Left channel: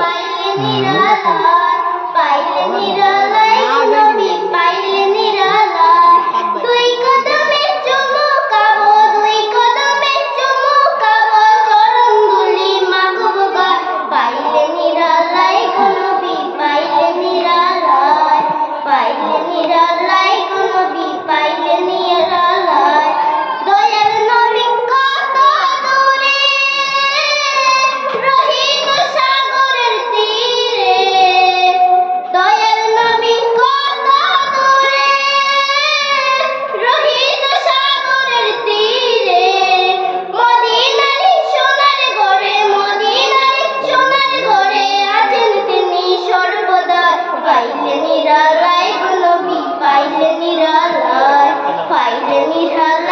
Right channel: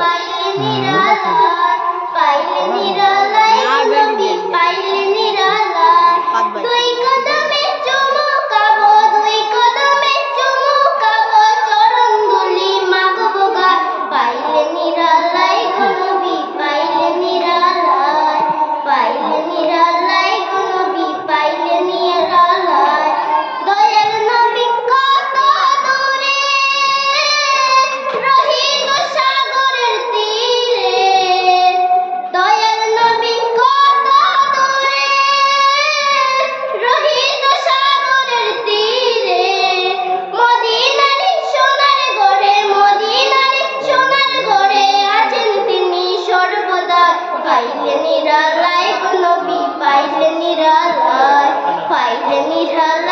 পাইলে নিরালায়, পাইলে নিরালায় নবী, পাইলে নিরালায়। দুই কদমে চুমু খাবো, দুই কদমে চুমু খাবো, চরণ ধুলি মাখবো গায়। পাইলে নিরালায় নবী, পাইলে নিরালায়, পাইলে নিরালায় নবী, পাইলে নিরালায়। দয়াল নবী কত দূরে, রহিত সাগরের তীরে। দয়াল নবী কত দূরে, রহিত সাগরের তীরে। মদিনার সোনার ঘরে, মদিনার সোনার ঘরে আছেন তিনি সর্বদা। পাইলে নিরালায় নবী, পাইলে নিরালায়, পাইলে নিরালায়।